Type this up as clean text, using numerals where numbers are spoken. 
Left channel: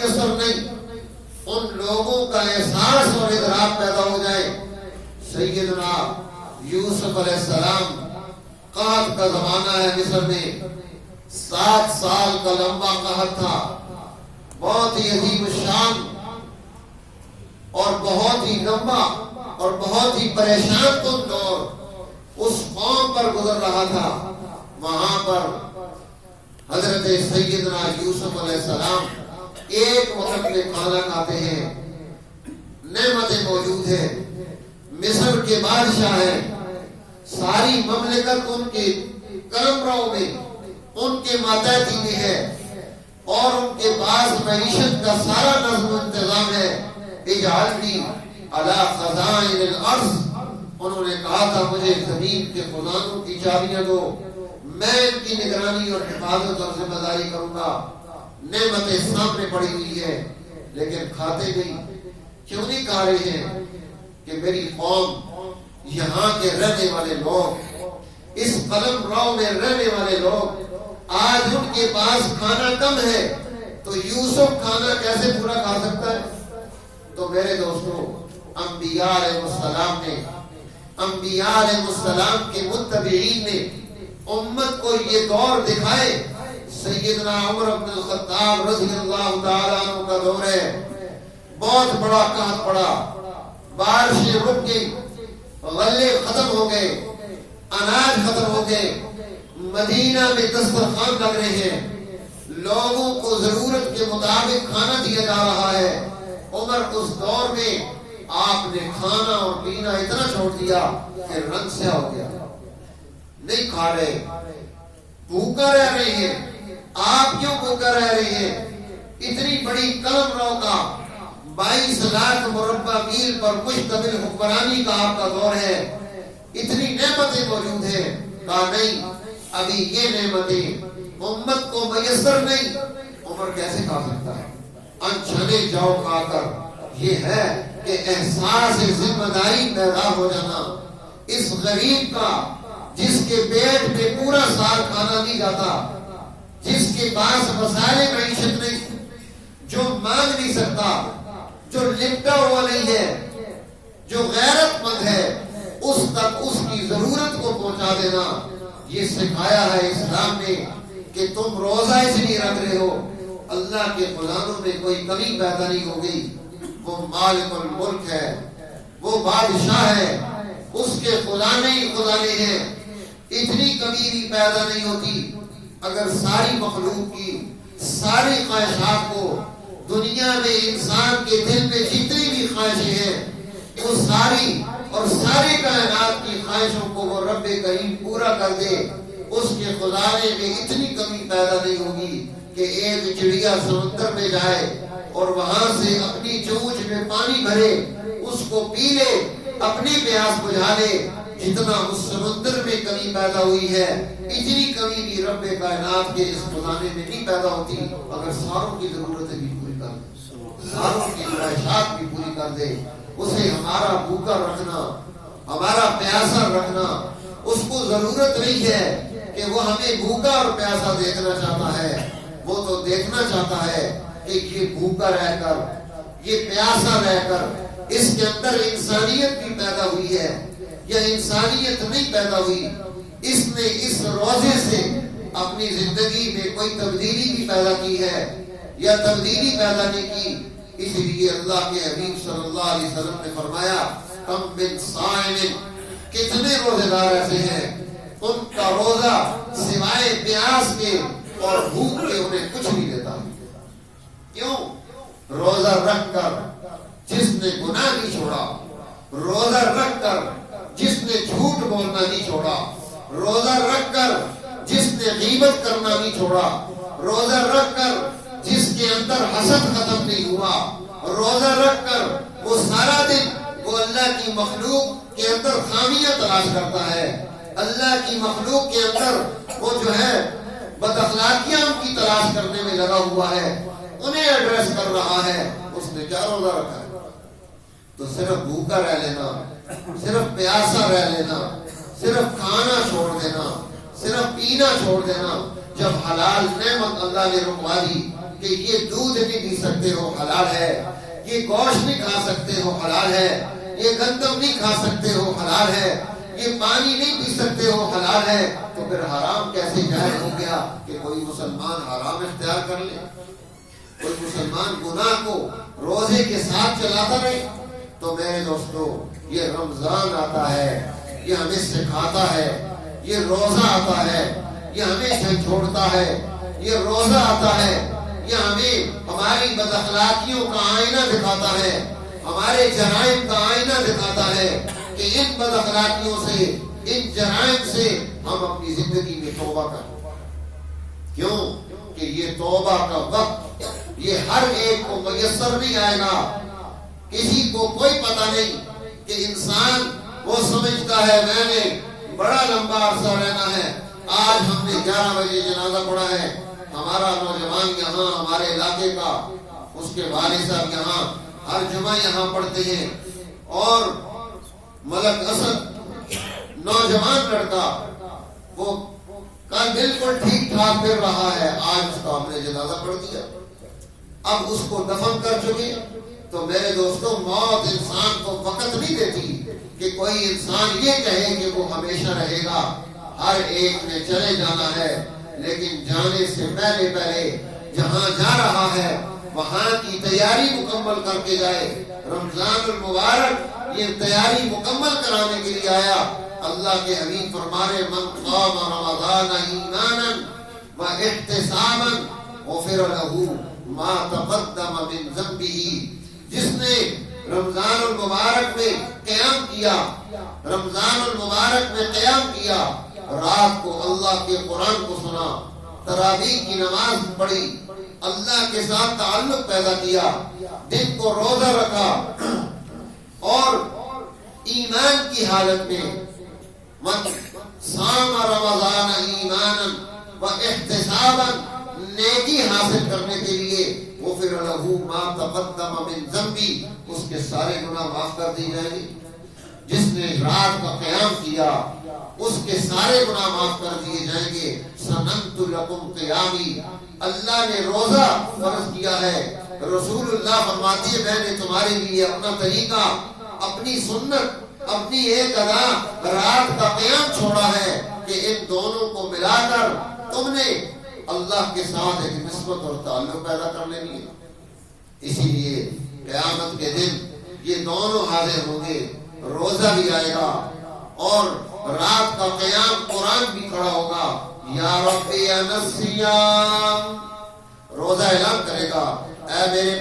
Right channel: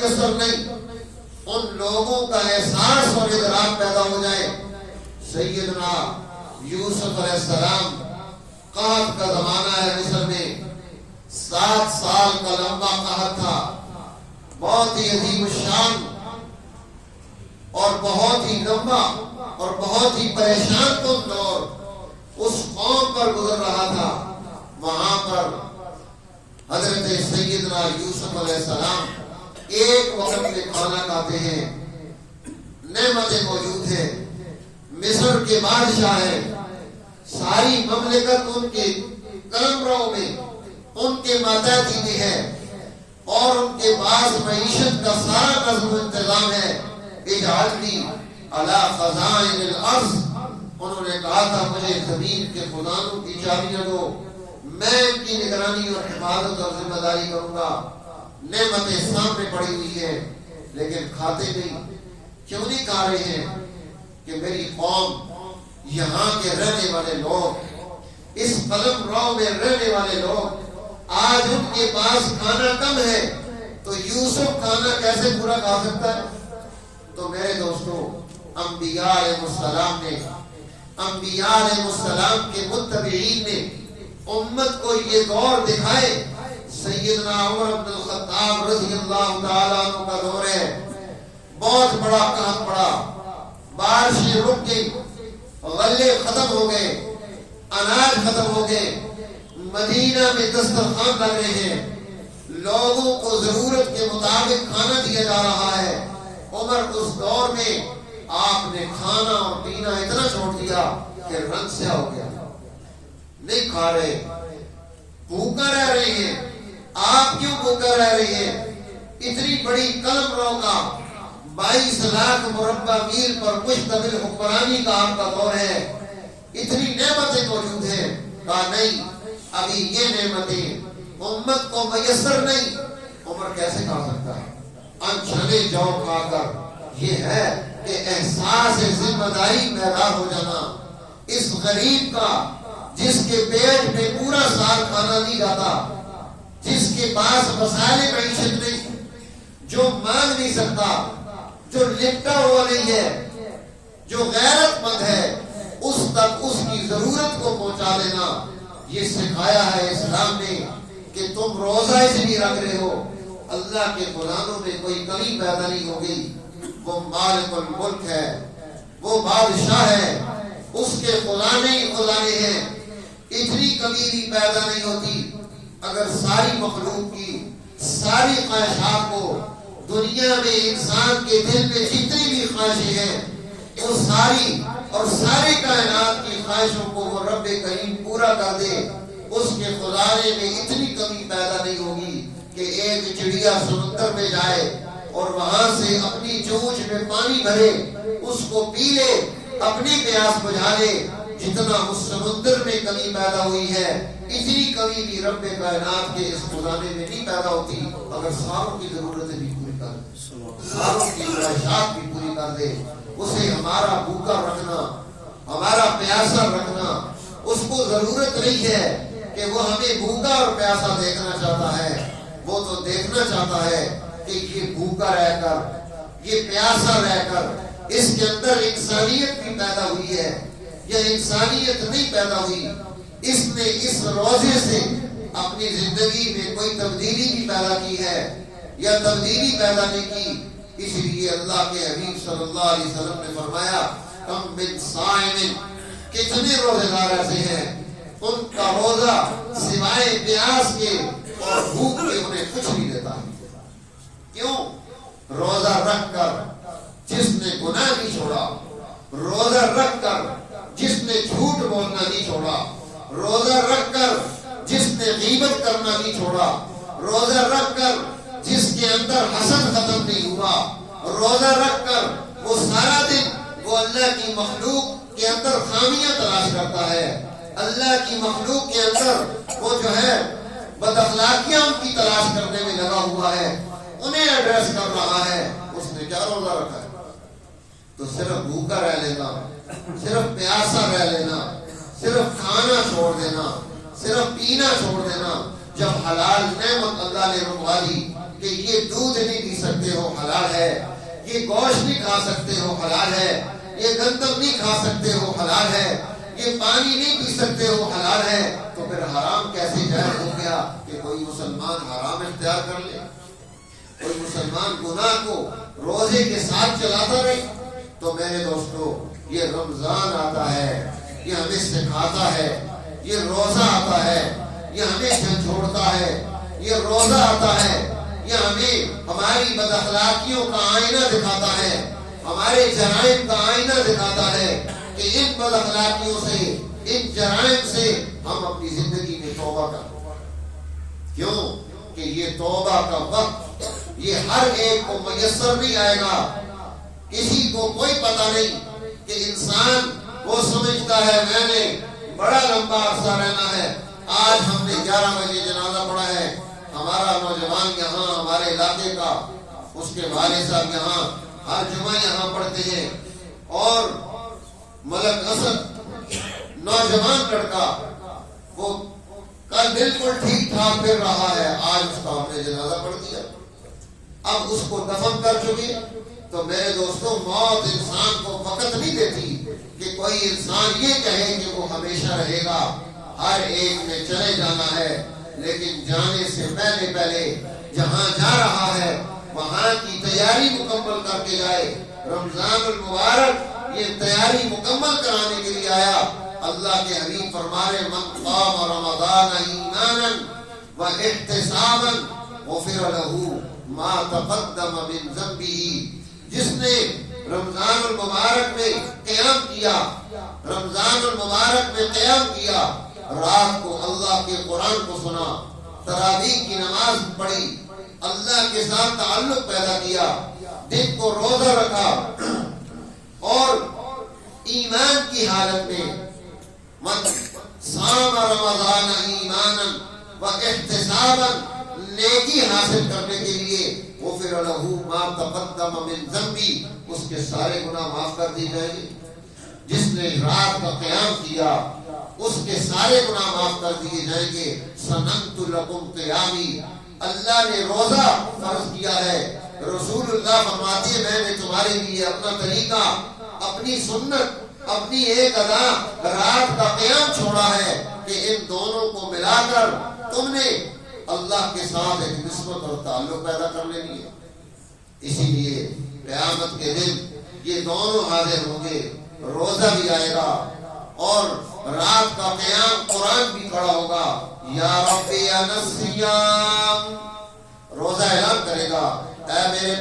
میسر نہیں، ان لوگوں کا احساس اور ادراک پیدا ہو جائے۔ سیدنا یوسف علیہ السلام، قحط کا زمانہ ہے مصر میں، 7 سال کا لمبا قحط تھا، بہت ہی عظیم الشان اور بہت ہی لمبا اور بہت ہی پریشان کن دور اس قوم پر گزر رہا تھا۔ وہاں پر حضرت سیدنا یوسف علیہ السلام ایک وقت میں کھانا کھاتے ہیں، نعمتیں موجود ہیں، مصر کے بادشاہ ہیں، ساری مملکت ان کے قلمرو میں، ان کے ماتحتی میں ہے، اور ان کے پاس معیشت کا سارا نظم و انتظام ہے۔ اجعلنی علی خزائن الارض، انہوں نے کہا تھا مجھے زمین کے خزانوں کی چابیاں دو، میں ان کی نگرانی اور حفاظت اور ذمہ داری کروں گا۔ نعمتیں سامنے پڑی ہوئی ہے لیکن کھاتے نہیں۔ کیوں نہیں کھا رہے ہیں؟ کہ میری قوم، یہاں کے رہنے والے لوگ، اس قلمرو میں رہنے والے لوگ، آج ان کے پاس کھانا کم ہے تو یوسف کھانا کیسے پورا کھا سکتا ہے؟ تو میرے دوستو، انبیاء علیہ السلام نے، انبیاء علیہ السلام کے متبعین نے امت کو یہ دور دکھائے۔ سیدنا عمر بن الخطاب رضی اللہ تعالیٰ عنہ کا دور ہے، بہت بڑا قحط پڑا، بارشیں رک گئی، غلے ختم ہو گئے، اناج ختم ہو گئے، مدینہ میں دسترخوان لگ رہے ہیں، لوگوں کو ضرورت کے مطابق کھانا دیا جا رہا ہے۔ عمر اس دور میں آپ نے کھانا اور پینا اتنا چھوڑ دیا کہ رنگ سیاہ ہو گیا، نہیں کھا رہے، بھوکا رہ رہے ہیں۔ آپ کیوں بھوکا رہ رہے ہیں؟ اتنی بڑی قلمرو کا 22 لاکھ مربع میل پر مشتمل حکمرانی کا آپ کا دور ہے، اتنی نعمتیں موجود ہیں۔ کہا نہیں، ابھی یہ نعمتیں امت کو میسر نہیں، عمر کیسے کھا سکتا ہے؟ انچھلے جو کھا کر یہ ہے کہ احساس ذمہ داری پیدا ہو جانا۔ اس غریب کا جس کے پیٹ میں پورا سال کھانا نہیں جاتا، جس کے پاس وسائل معیشت نہیں، جو مانگ نہیں سکتا، جو لپٹا ہوا نہیں ہے، جو غیرت مند ہے، اس تک اس کی ضرورت کو پہنچا دینا، یہ سکھایا ہے اسلام نے کہ تم روزہ اس لیے رکھ رہے ہو، اللہ کے خزانوں میں کوئی کمی پیدا نہیں ہوگی۔ وہ مالک الملک ہے، وہ بادشاہ ہے، اس کے خزانے ہی خزانے ہیں، اتنی کمی بھی پیدا نہیں ہوتی۔ اگر ساری مخلوق کی ساری خواہشات کو دنیا میں انسان کے دل میں جتنی بھی خواہشیں ہیں، وہ ساری اور ساری کائنات کی خواہشوں کو وہ رب کریم پورا کر دے، اس کے خزانے میں اتنی کمی پیدا نہیں ہوگی کہ ایک چڑیا سمندر میں جائے اور وہاں سے اپنی چونچ میں پانی بھرے، اس کو پی لے، اپنی پیاس بجھا لے۔ جتنا اس سمندر میں کمی پیدا ہوئی ہے، اتنی کمی بھی رب کائنات کے اس خزانے میں نہیں پیدا ہوتی اگر ساروں کی ضرورتیں بھی پوری کر دے، ساروں کی خواہشات بھی پوری کر دے۔ اسے ہمارا بھوکا رکھنا، ہمارا پیاسا رکھنا، اس کو ضرورت نہیں ہے کہ وہ ہمیں بھوکا اور پیاسا دیکھنا چاہتا ہے، وہ تو دیکھنا چاہتا ہے کہ یہ بھوکا رہ کر، یہ پیاسا رہ کر اس کے اندر انسانیت بھی پیدا ہوئی ہے یا انسانیت نہیں پیدا ہوئی، اس نے اس روزے سے اپنی زندگی میں کوئی تبدیلی بھی پیدا کی ہے یا تبدیلی پیدا نہیں کی۔ اس لیے اللہ کے حبیب صلی اللہ علیہ وسلم نے فرمایا، کم من صائم، کتنے روزے دار ایسے ہیں ان کا روزہ سوائے پیاس کے اور بھوک کے انہیں کچھ نہیں دیتا۔ کیوں؟ روزہ رکھ کر جس نے گناہ نہیں چھوڑا، روزہ رکھ کر جس نے جھوٹ بولنا نہیں چھوڑا، روزہ رکھ کر جس نے غیبت کرنا نہیں چھوڑا، روزہ رکھ کر جس کے اندر حسد ختم نہیں ہوا، روزہ رکھ کر وہ سارا دن وہ اللہ کی مخلوق کے اندر خامیاں تلاش کرتا ہے، اللہ کی مخلوق کے اندر وہ جو ہے بد اخلاقیاں ان کی تلاش کرنے میں لگا ہوا ہے، انہیں ایڈریس کر رہا ہے، اس نے کیا روزہ رکھا ہے؟ تو صرف بھوکا رہ لینا، صرف پیاسا رہ لینا، صرف کھانا چھوڑ دینا، صرف پینا چھوڑ دینا، جب حلال نعمت اللہ نے رکوا دی کہ یہ دودھ نہیں پی سکتے ہو حلال ہے، یہ گوشت نہیں کھا سکتے ہو حلال ہے، یہ گندم نہیں کھا سکتے ہو حلال ہے، یہ پانی نہیں پی سکتے ہو حلال ہے، تو پھر حرام کیسے جائز ہو گیا کہ کوئی مسلمان حرام اختیار کر لے؟ کوئی مسلمان گناہ کو روزے کے ساتھ چلاتا رہے؟ تو میرے دوستو، یہ رمضان آتا ہے، یہ ہمیں سکھاتا ہے، یہ روزہ آتا ہے، یہ ہمیں جھنجھوڑتا ہے، یہ روزہ آتا ہے، یہ ہمیں ہماری بد اخلاقیوں کا آئینہ دکھاتا ہے، ہمارے جرائم کا آئینہ دکھاتا ہے کہ ان بد اخلاقیوں سے، ان جرائم سے ہم اپنی زندگی میں توبہ کریں۔ کیوں کہ یہ توبہ کا وقت یہ ہر ایک کو میسر نہیں آئے گا۔ کسی کو کوئی پتہ نہیں کہ انسان وہ سمجھتا ہے میں نے بڑا لمبا عرصہ رہنا ہے، آج ہم نے 11 بجے جنازہ پڑھا ہے، ہمارا نوجوان یہاں ہمارے علاقے کا، اس کے والد صاحب یہاں ہر جمعہ یہاں پڑھتے ہیں، اور ملک اسد نوجوان لڑکا وہ کل بالکل ٹھیک ٹھاک پھر رہا ہے، آج اس کا ہم نے جنازہ پڑھ دیا، اب اس کو دفن کر چکے۔ تو میرے دوستوں، موت انسان کو وقت نہیں دیتی کہ کوئی انسان یہ کہے کہ وہ ہمیشہ رہے گا، ہر ایک نے چلے جانا ہے، لیکن جانے سے پہلے جہاں جا رہا ہے وہاں کی تیاری مکمل کر کے جائے۔ رمضان المبارک یہ تیاری مکمل کرانے کے لیے آیا۔ اللہ کے حبیب فرمانے من قام رمضان ایمانا و احتسابا غفر له ما تقدم من ذنبه، جس نے رمضان المبارک میں قیام کیا، رمضان المبارک میں قیام کیا، رات کو اللہ کے قرآن کو سنا، تراویح کی نماز پڑھی، اللہ کے ساتھ تعلق پیدا کیا، دن کو روزہ رکھا، اور ایمان کی حالت میں من صام رمضان ایمانا و احتسابا، نیکی حاصل کرنے کے لیے، غفر له ما تقدم من ذنبی، اس کے سارے گناہ معاف کر دی جائیں گے۔ جس نے رات کا قیام کیا اس کے سارے گناہ معاف کر دیے جائیں گے۔ سننت لکم قیامی، اللہ نے روزہ فرض کیا ہے، رسول اللہ فرماتے ہیں میں نے تمہارے لیے اپنا طریقہ، اپنی سنت، اپنی ایک ادا رات کا قیام چھوڑا ہے کہ ان دونوں کو ملا کر تم نے اللہ کے ساتھ ایک نسبت اور تعلق پیدا کر لینی ہے۔ اسی لیے قیامت کے دن یہ دونوں حاضر ہوں گے، روزہ بھی آئے گا اور رات کا قیام قرآن بھی کھڑا ہوگا۔ یا رب یا نسیام، روزہ اعلان کرے گا اے میرے